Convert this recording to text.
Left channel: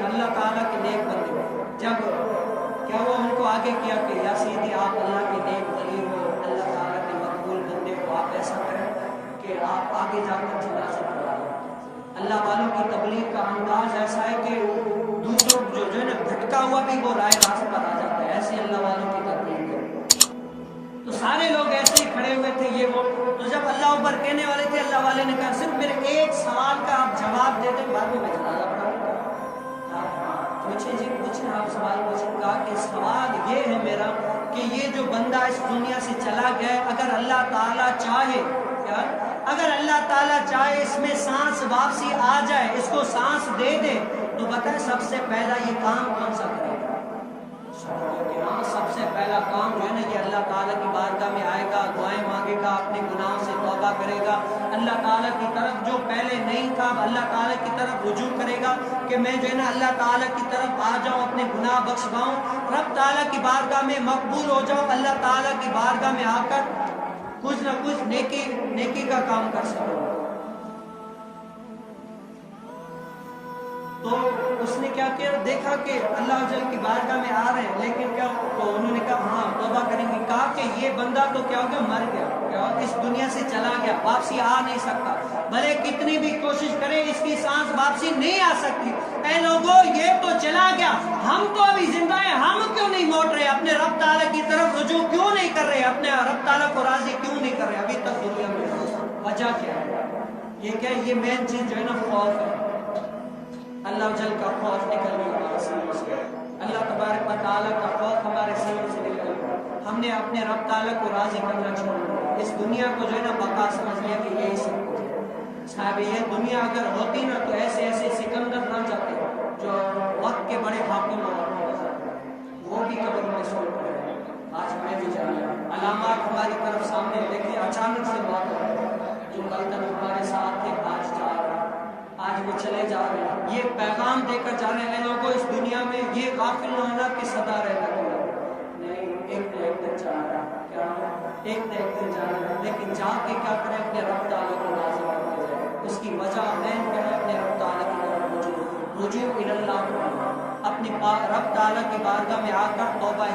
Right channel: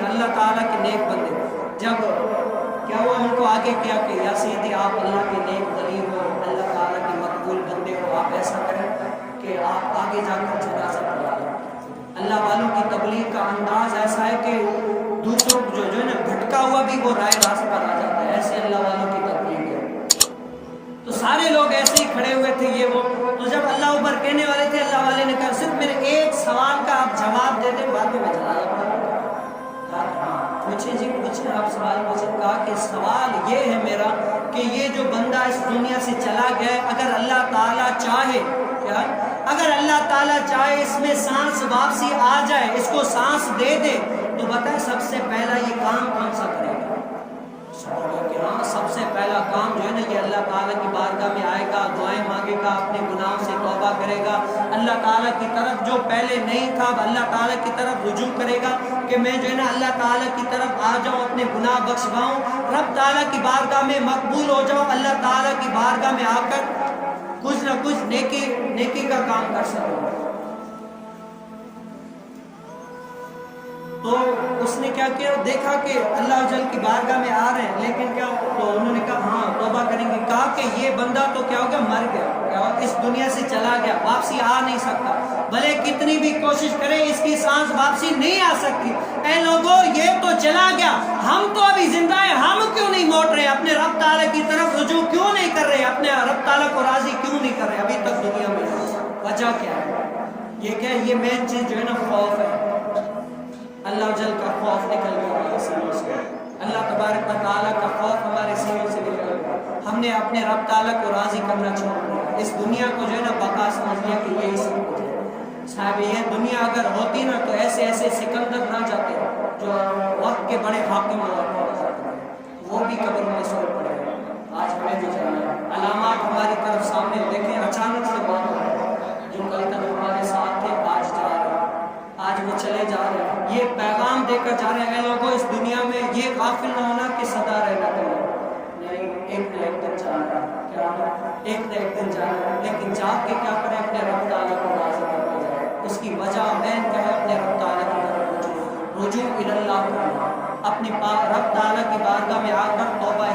صالحین، اللہ تعالیٰ کے نیک بندے. جب کیا ہوا ان کو آگے کیا کہ یا سیدی آپ اللہ کے نیک ولی ہو، اللہ تعالیٰ کے مقبول بندے ہو، آپ ایسا کریں کہ آپ آگے جا کر جنازہ پڑھا لیں. اللہ والوں کی تبلیغ کا انداز ایسا ہے کہ دوسروں جو ہے نا بھٹکا ہوا بھی وہ رائے راست پر آ جاتا ہے. ایسے اللہ والوں کی تبلیغ ہے. تو سارے لوگ ایسے ہی کھڑے ہوئے تھے یہ وہ. تو جب اللہ اوپر کہنے والے تھے، اللہ والے نے کہا صرف میرے ایک سوال کا آپ جواب دے دیں، بعد میں جنازہ پڑھا. پوچھیں جی پوچھیں، آپ سوال پوچھیں. کہا کہ سوال یہ ہے میرا کہ یہ جو بندہ اس دنیا سے چلا گیا، اگر اللہ تعالیٰ چاہے، کیا اگر اللہ تعالیٰ چاہے اس میں سانس واپسی آ جائے، اس کو سانس دے دے، تو بتائیں سب سے پہلا یہ کام کون سا کرے گا؟ کہ ہاں سب سے پہلا کام جو ہے نا یہ اللہ تعالیٰ کی بارگاہ میں آئے گا، دعائیں مانگے گا، اپنے گناہوں سے توبہ کرے گا، اللہ تعالیٰ کی طرف جو پہلے نہیں تھا اللہ تعالیٰ کی طرف رجوع کرے گا کہ میں جو ہے نا اللہ تعالیٰ کی طرف آ جاؤں، اپنے گناہ بخشواؤں، رب تعالیٰ کی بارگاہ میں مقبول ہو جاؤں، اللہ تعالیٰ کی بارگاہ میں آ کر کچھ نہ کچھ نیکی کا کام کر سکوں. تو اس نے کیا کیا، دیکھا کہ اللہ جل کی بارگاہ میں آ رہے ہیں، لیکن کیا تو انہوں نے کہا ہاں توبہ کریں گے. کہا کہ یہ بندہ تو کیا ہو گیا، مر گیا اور اس دنیا سے چلا گیا، واپسی آ نہیں سکتا، بھلے کتنی بھی کوشش کریں اس کی سانس واپسی نہیں آ سکتی. اے لوگوں یہ تو چلا گیا، ہم تو ابھی زندہ ہیں، ہم کیوں نہیں موٹ رہے، اپنے رب تعالیٰ کی طرف رجوع کیوں نہیں کر رہے، اپنے رب تعالیٰ کو راضی کیوں نہیں کر رہے ابھی تک دنیا میں؟ وجہ کیا ہے؟ یہ کیا ہے، یہ مین چیز جو ہے نا خوف ہے. اللہ جل کا خوف نکل گیا ہمارے سینوں سے، اللہ تبارک و تعالیٰ کا خوف ہمارے سینوں سے نکل گیا. ہم نے اپنے رب تعالیٰ کو راضی کرنا چھوڑ دیا، اس دنیا کو جو ہے نا بقا سمجھ لیا کہ یہی سب کچھ ہے. صاحب یہ دنیا اگر ہوتی نا تو ایسے ایسے سکندر نہ جاتے جو وقت کے بڑے حاکم وہ بھی قبروں میں سو پڑے. آج ہمیں بھی جانا ہے، علامات ہماری طرف سامنے دیکھیں، اچانک سے بات ہو رہا ہے، جو کل تک ہمارے ساتھ تھے آج جا رہے ہیں، آج وہ چلے جا رہے ہیں. یہ پیغام دے کر جا رہے ہیں لوگوں اس دنیا میں یہ غافل نہ ہونا کہ سدا رہنا نہیں، ایک نہ ایک دن جانا ہے، کیا ایک نہ ایک دن جانا ہے، لیکن جا کے کیا کریں، اپنے رب تعالیٰ کو راضی کرنا جائے. اس کی وجہ مین کیا ہے، اپنے رب تعالیٰ کی طرف رجوع اللہ کرنا، اپنے رب تعالیٰ کی بارگاہ میں آ کر توبہ